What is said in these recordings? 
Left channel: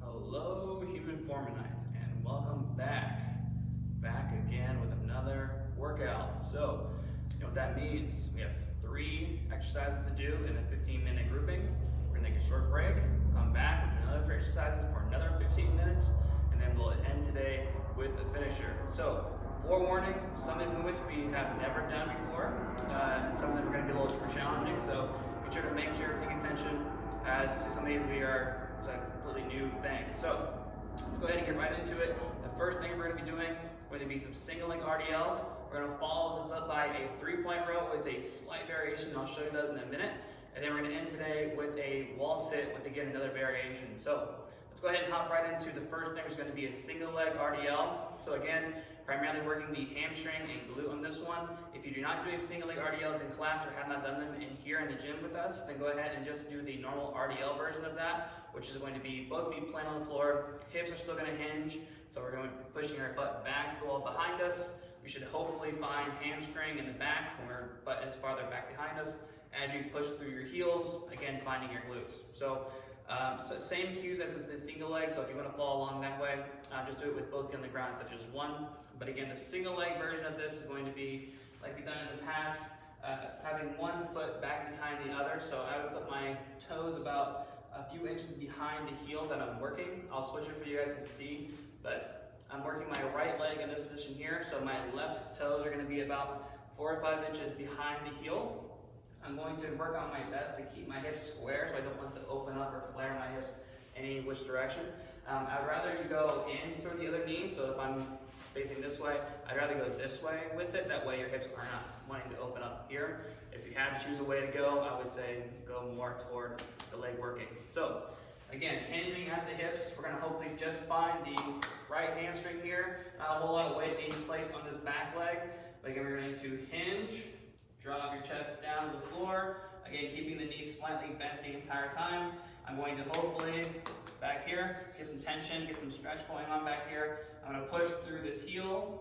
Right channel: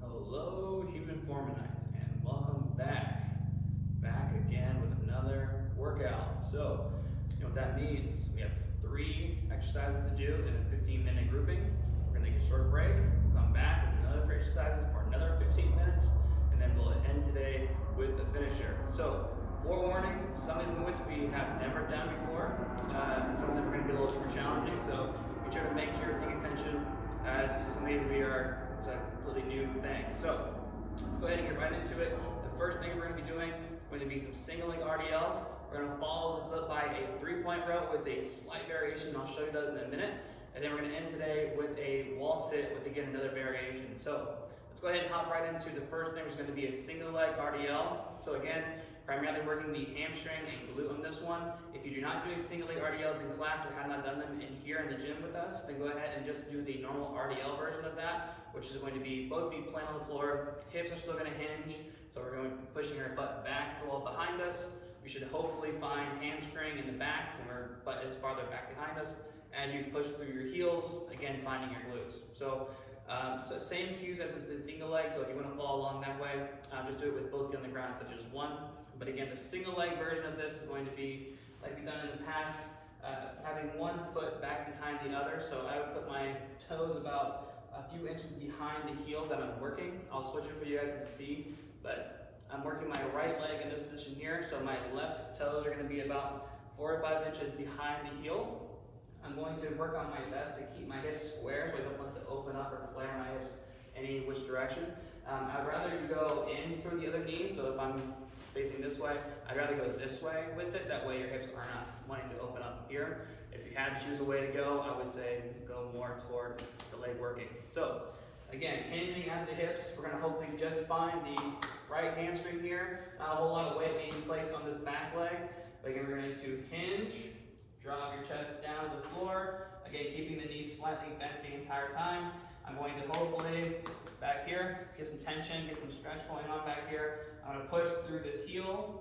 Hello, human formanites, and welcome back. Back again with another workout. So, you know what that means? We have 3 exercises to do in a 15-minute grouping. We're gonna take a short break. We'll come back with another exercises for another 15 minutes, and then we'll end today with a finisher. So, forewarning, some of these movements we have never done before, and some of them are gonna be a little more challenging. So, be sure to make sure you're paying attention as to some of these it's a completely new thing. So let's go ahead and get right into it. The first thing we're going to be doing is going to be some single leg RDLs. We're going to follow this up by a 3-point row with a slight variation. I'll show you that in a minute. And then we're going to end today with a wall sit with, again, another variation. So let's go ahead and hop right into the first thing, which is going to be a single leg RDL. So again, primarily working the hamstring and glute on this one. If you're not doing single leg RDLs in class or have not done them here in the gym with us, then go ahead and just do the normal RDL version of that, which is going to be both feet planted on the floor, hips are still going to hinge, so we're going to be pushing our butt back to the wall behind us. We should hopefully find hamstring in the back when our butt is farther back behind us. As you push through your heels, again, finding your glutes. So same cues as the single leg, so if you want to follow along that way, just do it with both feet on the ground, such as one. But again, the single leg version of this is going to be like we've done in the past, having one foot back behind the other. So I would put my toes about a few inches behind the heel that I'm working. I'll switch it for you guys to see, but I'm working my right leg in this position here, so my left toes are going to be about 4 or 5 inches behind the heel. I'm going to work on my best to keep my hips square, so I don't want to open up or flare my hips any which direction. I'd rather you go in toward the other knee, so if I'm facing this way, I'd rather go this way with it. That way your hips are not wanting to open up here. If you had to choose a way to go, I would say go more toward the leg working. So again, hinging at the hips, we're going to hopefully just find the right hamstring here. Not a whole lot of weight being placed on this back leg, but again, we're going to hinge, drop your chest down to the floor. Again, keeping the knees slightly bent the entire time. I'm going to hopefully, back here, get some tension, get some stretch going on back here. I'm going to push through this heel,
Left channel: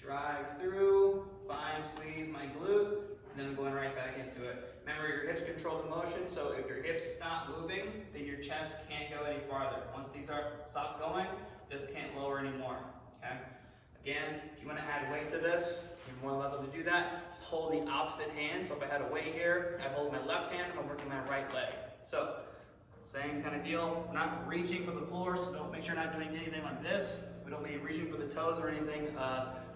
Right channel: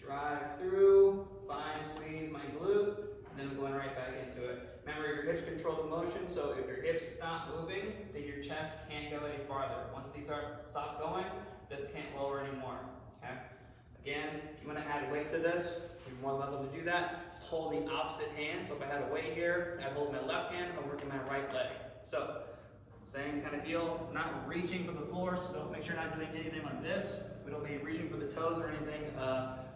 drive through, find, squeeze my glute, and then I'm going right back into it. Remember, your hips control the motion, so if your hips stop moving, then your chest can't go any farther. Once these stop going, this can't lower anymore, okay? Again, if you want to add weight to this, you're more than welcome to do that. Just hold the opposite hand. So if I had a weight here, I'd hold my left hand if I'm working my right leg. So same kind of deal. We're not reaching for the floor, so don't make sure you're not doing anything like this. We don't be reaching for the toes or anything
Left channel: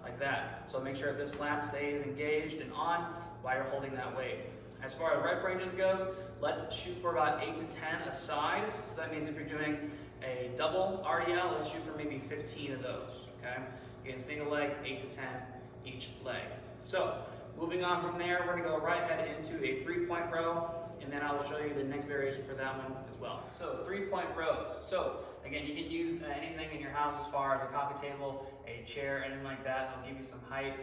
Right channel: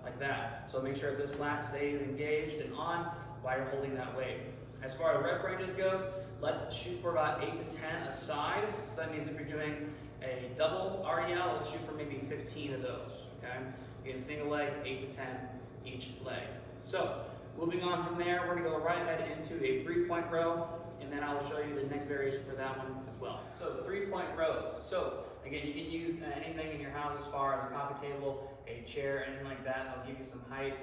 like that. So make sure this lat stays engaged and on while you're holding that weight. As far as rep ranges goes, let's shoot for about 8 to 10 a side. So that means if you're doing a double RDL, let's shoot for maybe 15 of those. Okay. Again, single leg, 8 to 10 each leg. So moving on from there, we're going to go right ahead into a 3-point row, and then I will show you the next variation for that one as well. So 3-point rows. So again, you can use anything in your house as far as a coffee table, a chair, anything like that. They'll give you some height.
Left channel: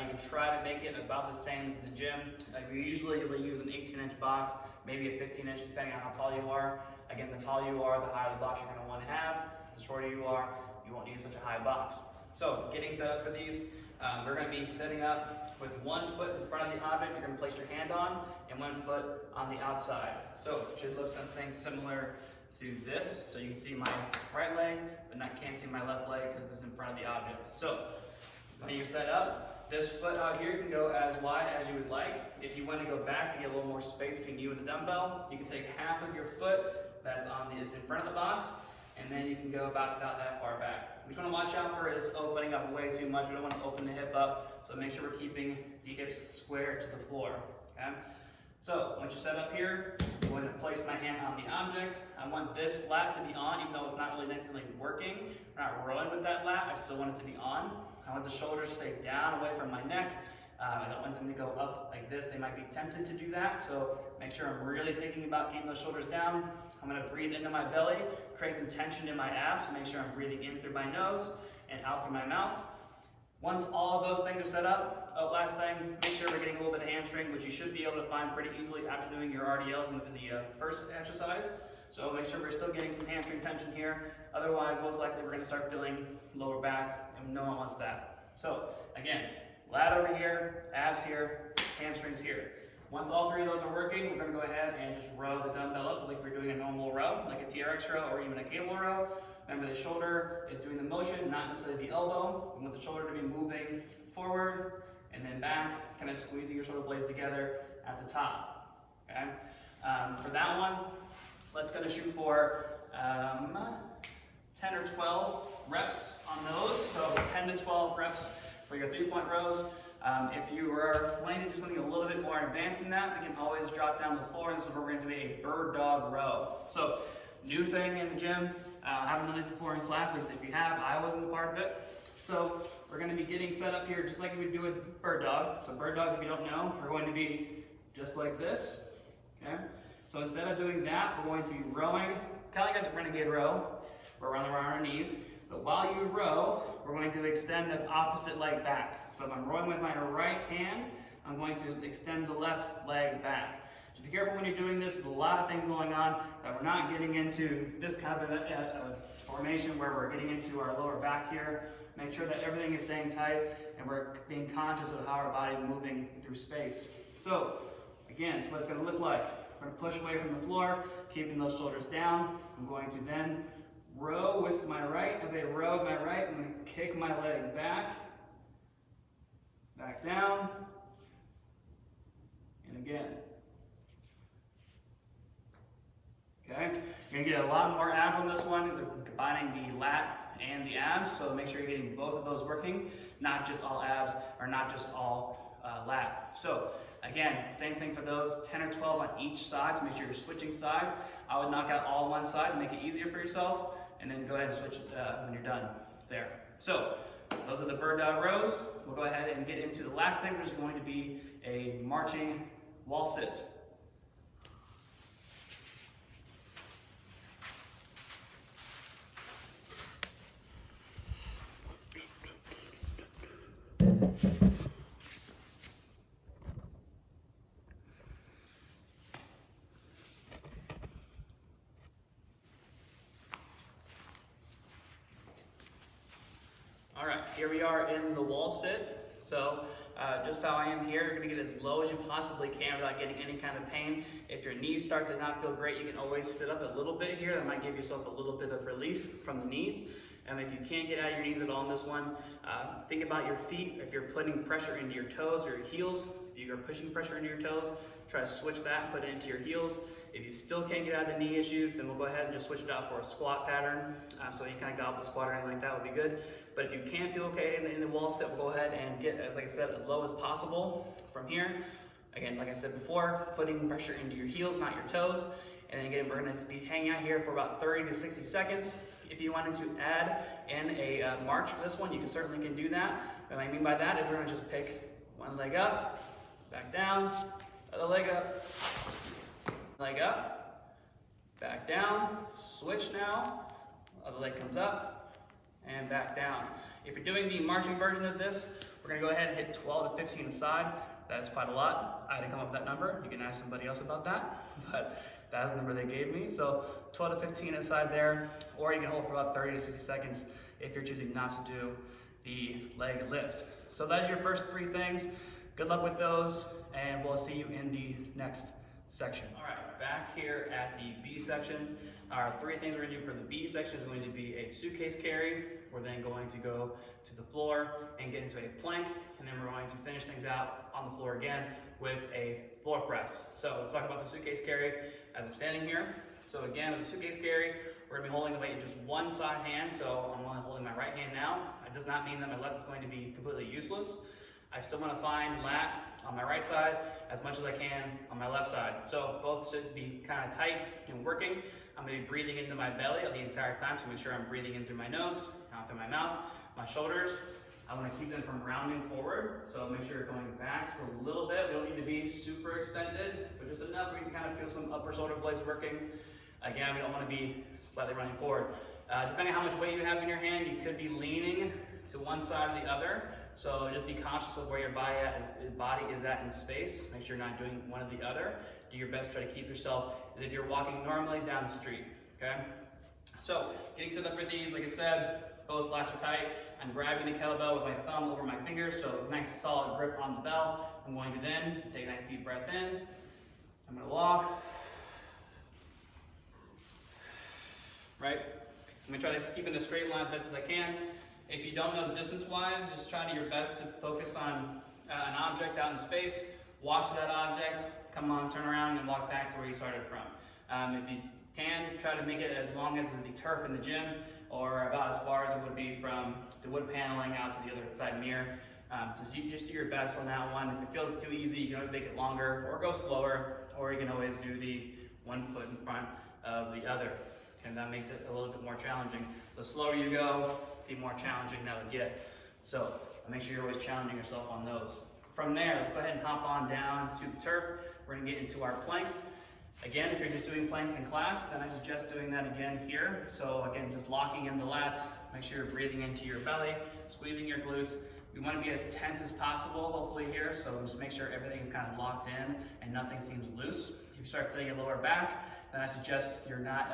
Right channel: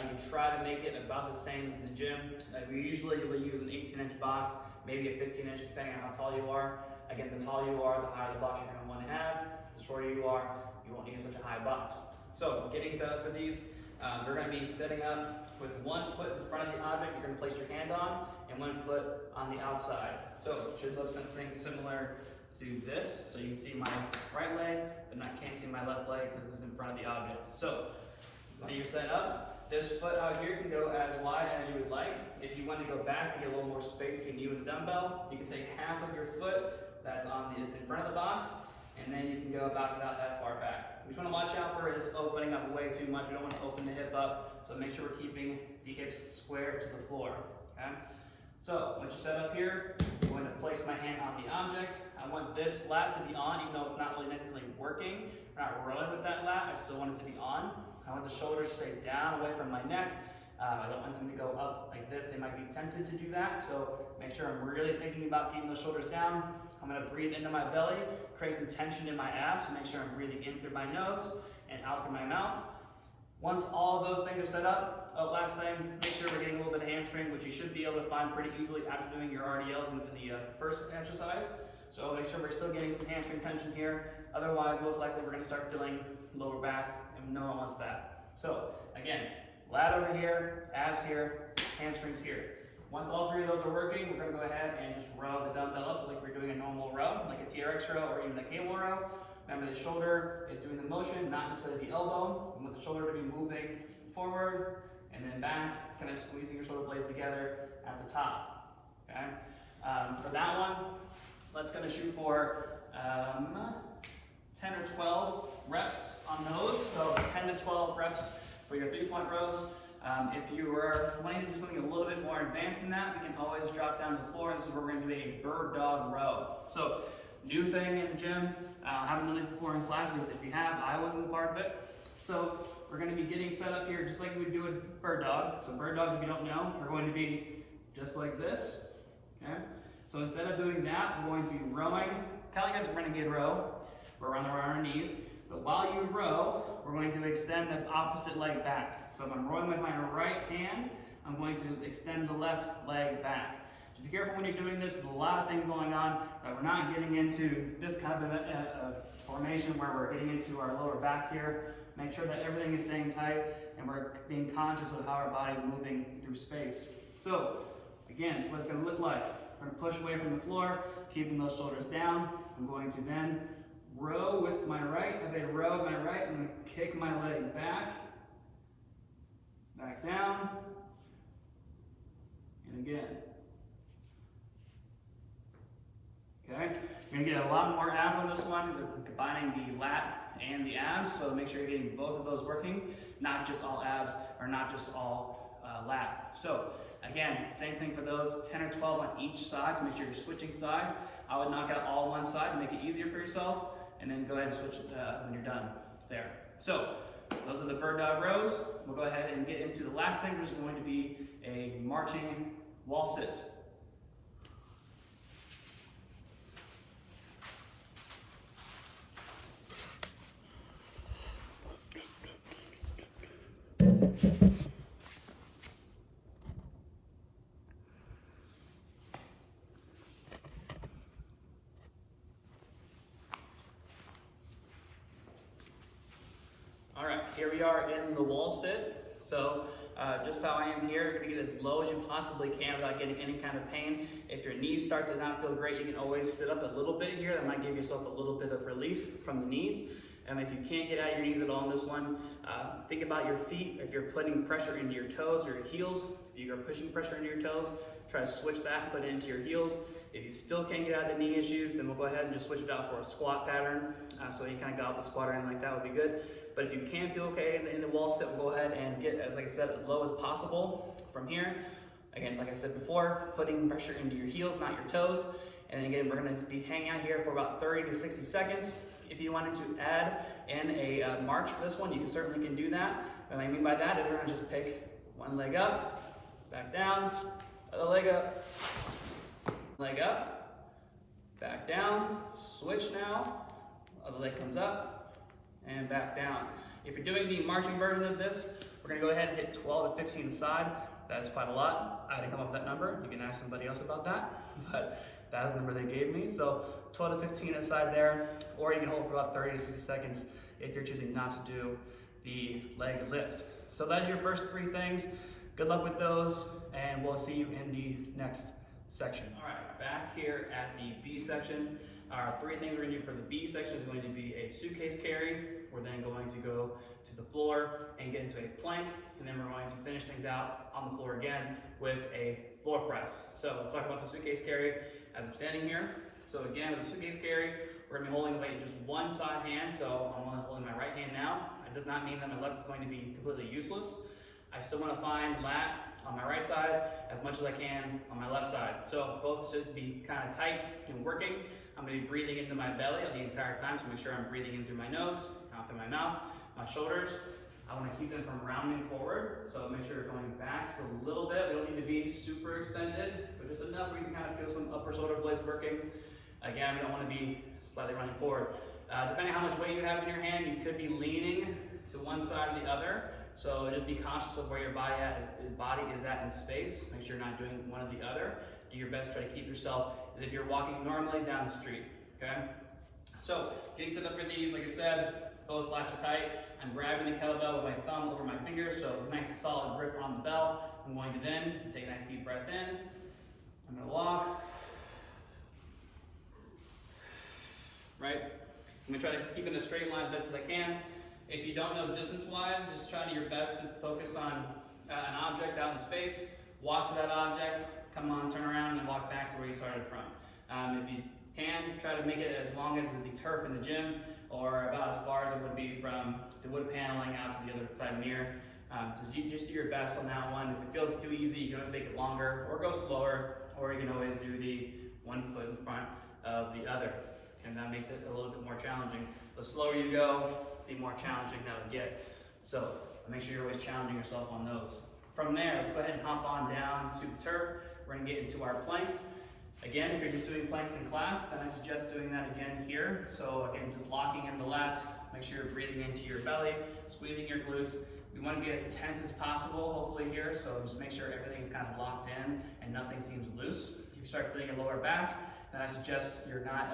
You can try to make it about the same as in the gym. We usually will use an 18-inch box, maybe a 15-inch, depending on how tall you are. Again, the taller you are, the higher the box you're going to want to have. The shorter you are, you won't need such a high box. So getting set up for these, we're going to be setting up with 1 foot in front of the object you're going to place your hand on, and 1 foot on the outside. So it should look something similar to this. So you can see my right leg, but can't see my left leg because it's in front of the object. So when you're set up, this foot out here can go as wide as you would like. If you want to go back to get a little more space between you and the dumbbell, you can take half of your foot that's it's in front of the box, and then you can go about that far back. We just want to watch out for this opening up way too much. We don't want to open the hip up, so make sure we're keeping the hips square to the floor, okay? So once you're set up here, I'm going to place my hand on the object. I want this lat to be on, even though it's not really necessarily working. We're not rolling with that lat, I still want it to be on. I want the shoulders to stay down away from my neck. I don't want them to go up like this. They might be tempted to do that, so make sure I'm really thinking about keeping those shoulders down. I'm going to breathe into my belly, create some tension in my abs, so make sure I'm breathing in through my nose and out through my mouth. Once all of those things are set up, last thing, make sure we're getting a little bit of hamstring, which you should be able to find pretty easily after doing your RDLs in the first exercise. So make sure we're still getting some hamstring tension here. Otherwise, most likely we're going to start feeling lower back, and no one wants that. So again, lat over here, abs here, hamstrings here. Once all three of those are working, we're going to go ahead and just row the dumbbell up like we're doing a normal row, like a TRX row or even a cable row. Remember, the shoulder is doing the motion, not necessarily the elbow. We want the shoulder to be moving forward and then back, kind of squeezing your shoulder blades together at the top. Okay. For that one, let's kind of shoot for 10 or 12 reps on those. So 10 to 12 reps for your 3-point rows. If you are wanting to do something a little bit more advanced than that, we can always drop down to the floor. This is where we're going to do a bird dog row. So new thing in the gym. Haven't done this before in class, at least if you have. I wasn't a part of it. So we're going to be getting set up here just like we would do with bird dog. So bird dogs, if you don't know, are going to be just like this. Okay. So instead of doing that, we're going to be rowing, kind of like a renegade row. We're on our knees. But while you row, we're going to extend the opposite leg back. So if I'm rowing with my right hand, I'm going to extend the left leg back. So be careful when you're doing this. There's a lot of things going on that we're not getting into this kind of a formation where we're getting into our lower back here. Make sure that everything is staying tight and we're being conscious of how our body is moving through space. So again, it's what it's going to look like. We're going to push away from the floor, keeping those shoulders down. I'm going to then row with my right. As I row with my right, I'm going to kick my leg back down, and again. Okay, you're going to get a lot more abs on this one because I'm combining the lat and the abs, so make sure you're getting both of those working, not just all abs or not just all lat. So again, same thing for those, 10 or 12 on each side, so make sure you're switching sides. I would knock out all one side and make it easier for yourself, and then go ahead and switch when you're done there. So those are the bird dog rows. We'll go ahead and get into the last thing, which is going to be a marching wall sit. All right, here we are in the wall sit. So just how I am here, you're gonna get as low as you possibly can without getting any kind of pain. If your knees start to not feel great, you can always sit up a little bit here. That might give yourself a little bit of relief from the knees. And if you can't get out of your knees at all in this one, think about your feet. If you're putting pressure into your toes or your heels, if you are pushing pressure into your toes, try to switch that and put it into your heels. If you still can't get out of the knee issues, then we'll go ahead and just switch it out for a squat pattern. So you kind of got up a squat or anything like that would be good. But if you can feel okay in the wall sit, we'll go ahead and get, like I said, as low as possible from here. Again, like I said before, putting pressure into your heels, not your toes. And then again, we're going to be hanging out here for about 30 to 60 seconds. If you wanted to add in a march for this one, you certainly can do that. What I mean by that is we're going to just pick one leg up, back down, other leg up, back down, switch now, other leg comes up, and back down. If you're doing the marching version of this, we're going to go ahead and hit 12 to 15 aside. That's quite a lot. I didn't come up with that number. You can ask somebody else about that, but that's the number they gave me. So 12 to 15 aside there, or you can hold for about 30 to 60 seconds if you're choosing not to do the leg lift. So that's your first three things. Good luck with those, and we'll see you in the next section. All right, back here at the B section. Our three things we're going to do for the B section is going to be a suitcase carry. We're then going to go to the floor and get into a plank, and then we're going to finish things out on the floor again with a floor press. So let's talk about the suitcase carry as I'm standing here. So again, with the suitcase carry, we're going to be holding the weight in just one side hand. So I'm only holding my right hand now. It does not mean that my left is going to be completely useless. I still want to find lat on my right side as much as I can on my left side. So both should be kind of tight and working. I'm going to be breathing into my belly the entire time, so make sure I'm breathing in through my nose, out through my mouth. My shoulders, I want to keep them from rounding forward, so make sure you're going back just a little bit. We don't need to be super extended, but just enough where you can kind of feel some upper shoulder blades working. Again, we don't want to be slightly running forward. Depending on how much weight you have in your hand, you could be leaning to one side or the other. So just be conscious of where your body is at in space. Make sure you're not doing one or the other. Do your best to try to keep yourself as if you're walking normally down the street, okay? So getting set up for these, like I said, both lats are tight. I'm grabbing the kettlebell with my thumb over my fingers, so nice solid grip on the bell. I'm going to then take a nice deep breath in. I'm going to walk. Right? I'm going to try to keep it in a straight line as best as I can. If you don't know distance-wise, just try to your best to focus on an object out in space. Walk to that object, come on, turn around, and walk back to where you started from. If you can, try to make it as long as the turf in the gym, or about as far as it would be from the wood paneling out to the other side mirror. So you just do your best on that one. If it feels too easy, you can always make it longer, or go slower, or you can always do the one foot in front of the other. And that makes it a little bit more challenging. The slower you go, the more challenging that'll get. So make sure you're always challenging yourself on those. From there, let's go ahead and hop on down to the turf. We're gonna get into our planks. Again, if you're just doing planks in class, then I suggest doing that again here. So again, just locking in the lats, make sure you're breathing into your belly, squeezing your glutes. We want to be as tense as possible, hopefully here, so just make sure everything is kind of locked in and nothing seems loose. If you start feeling your lower back, then I suggest you're not,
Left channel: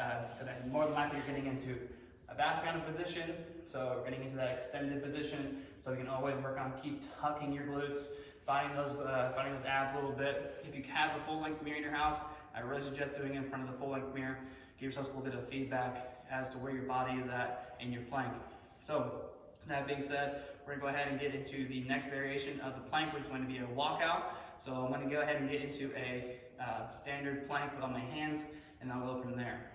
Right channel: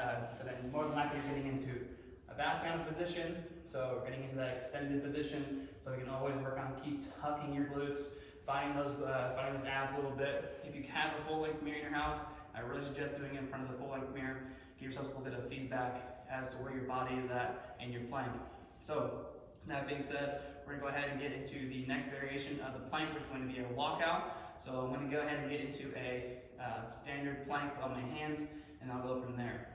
more than likely you're getting into a back down position, so we're getting into that extended position, so you can always work on keep tucking your glutes, finding those abs a little bit. If you have a full-length mirror in your house, I really suggest doing it in front of the full-length mirror. Give yourself a little bit of feedback as to where your body is at in your plank. So, that being said, we're gonna go ahead and get into the next variation of the plank, which is going to be a walkout. So I'm gonna go ahead and get into a standard plank on my hands, and I'll go from there.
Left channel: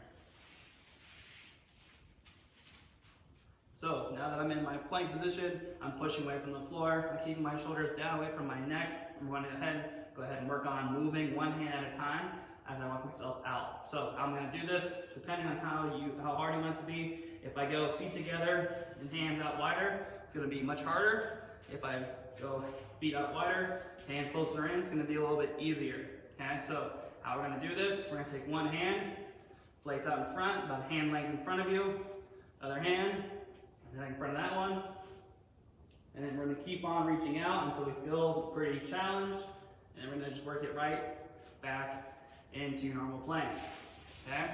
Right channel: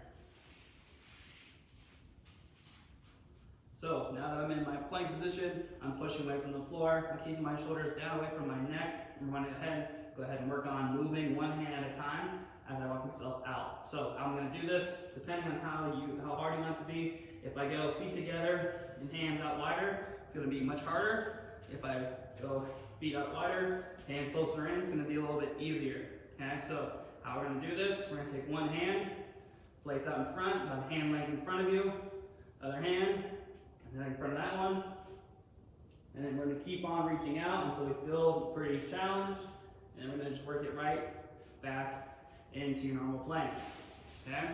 So now that I'm in my plank position, I'm pushing away from the floor. I'm keeping my shoulders down away from my neck. I'm going to go ahead and work on moving one hand at a time as I walk myself out. So I'm going to do this depending on how hard you want it to be. If I go feet together and hands out wider, it's going to be much harder. If I go feet out wider, hands closer in, it's going to be a little bit easier. Okay, so how we're going to do this, we're going to take one hand, place out in front, about a hand length in front of you, other hand, and then in front of that one. And then we're going to keep on reaching out until we feel pretty challenged. And then we're going to just work it right back into your normal plank. Okay?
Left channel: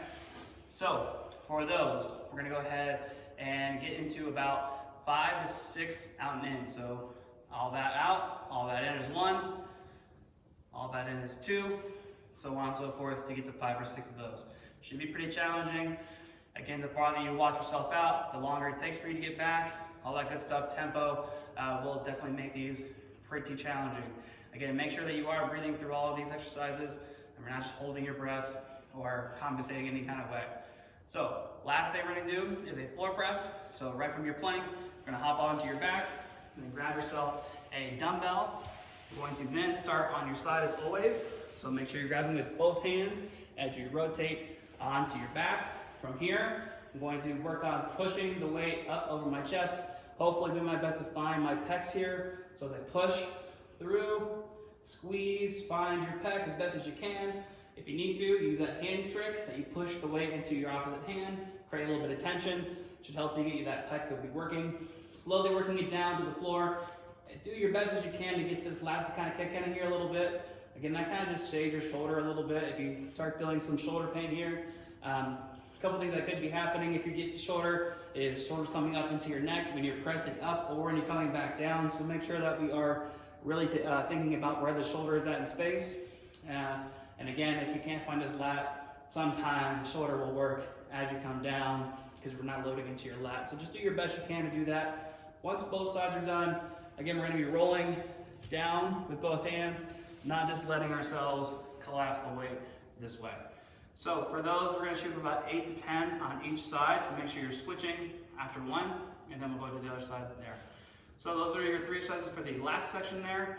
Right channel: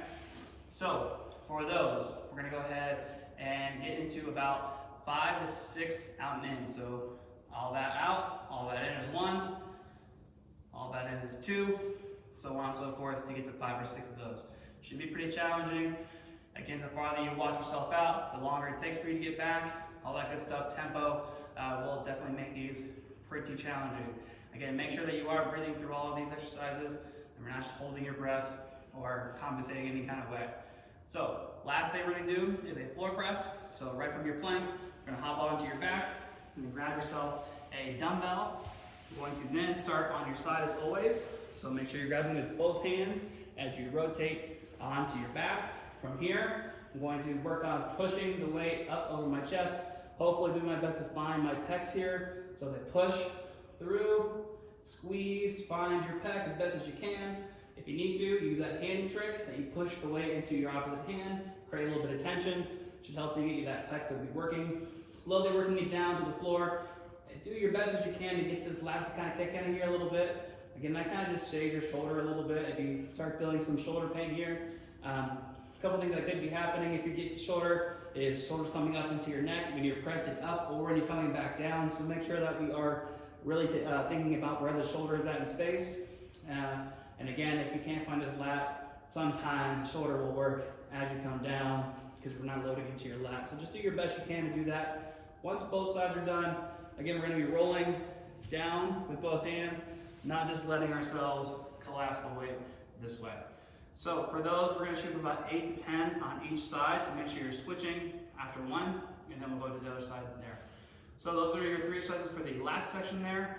So, for those, we're going to go ahead and get into about 5 to 6 out and in. So, all that out, all that in is 1, all that in is 2, so on and so forth to get to 5 or 6 of those. Should be pretty challenging. Again, the farther you walk yourself out, the longer it takes for you to get back, all that good stuff. Tempo will definitely make these pretty challenging. Again, make sure that you are breathing through all of these exercises and we're not just holding your breath or compensating any kind of way. So, last thing we're going to do is a floor press. So right from your plank, you're going to hop onto your back and then grab yourself a dumbbell. You're going to then start on your side as always. So make sure you're grabbing with both hands as you rotate onto your back. From here, I'm going to work on pushing the weight up over my chest. Hopefully do my best to find my pecs here. So as I push through, squeeze, find your pec as best as you can. If you need to, use that hand trick that you push the weight into your opposite hand, create a little bit of tension. Should help you get you that pec to be working. Slowly working it down to the floor. Do your best as you can to get this lat to kind of kick in here a little bit. Again, that kind of just shades your shoulder a little bit. If you start feeling some shoulder pain here, a couple things that could be happening if you get to shoulder is shoulders coming up into your neck when you're pressing up or when you're coming back down. So make sure that we are really thinking about where the shoulder is at in space. And again, if you can't find this lat, sometimes the shoulder will work as you come down because we're not loading into your lat. So just do your best you can to do that. Once both sides are done, again, we're going to be rolling down with both hands, not just letting ourselves collapse the weight this way. So for those, we're going to shoot for about 8 to 10 on each side. So make sure you're switching after one, and then we'll go to the other side there. So those are your 3 exercises for the last section there.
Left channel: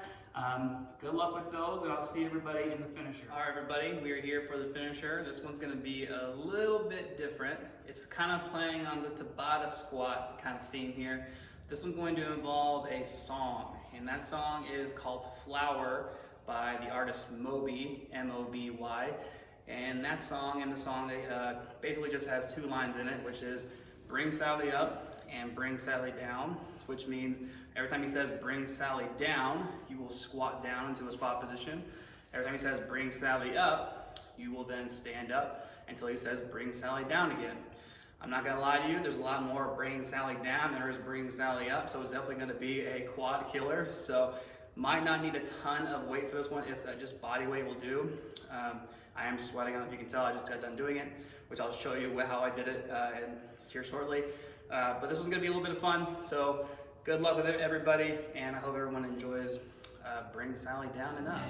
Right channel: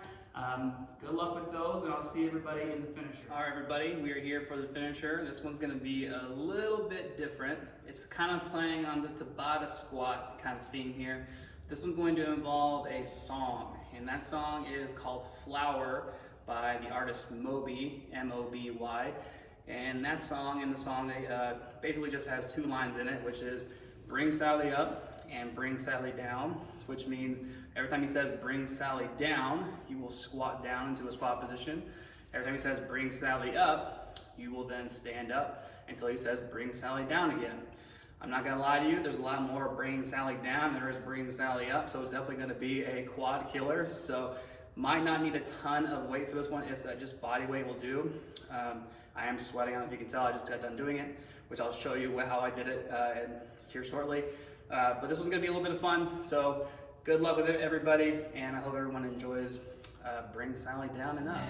Good luck with those, and I'll see everybody in the finisher. All right, everybody, we are here for the finisher. This one's going to be a little bit different. It's kind of playing on the Tabata squat kind of theme here. This one's going to involve a song, and that song is called Flower by the artist Moby, M-O-B-Y. And that song, basically just has 2 lines in it, which is bring Sally up and bring Sally down, which means every time he says bring Sally down, you will squat down into a squat position. Every time he says bring Sally up, you will then stand up until he says bring Sally down again. I'm not gonna lie to you, there's a lot more bringing Sally down than there is bringing Sally up, so it's definitely gonna be a quad killer. So Might not need a ton of weight for this one if just body weight will do. I am sweating, I don't know if you can tell, I just got done doing it, which I'll show you how I did it here shortly. But this one's gonna be a little bit of fun, so good luck with it, everybody, and I hope everyone enjoys Bring Sally Down and Up.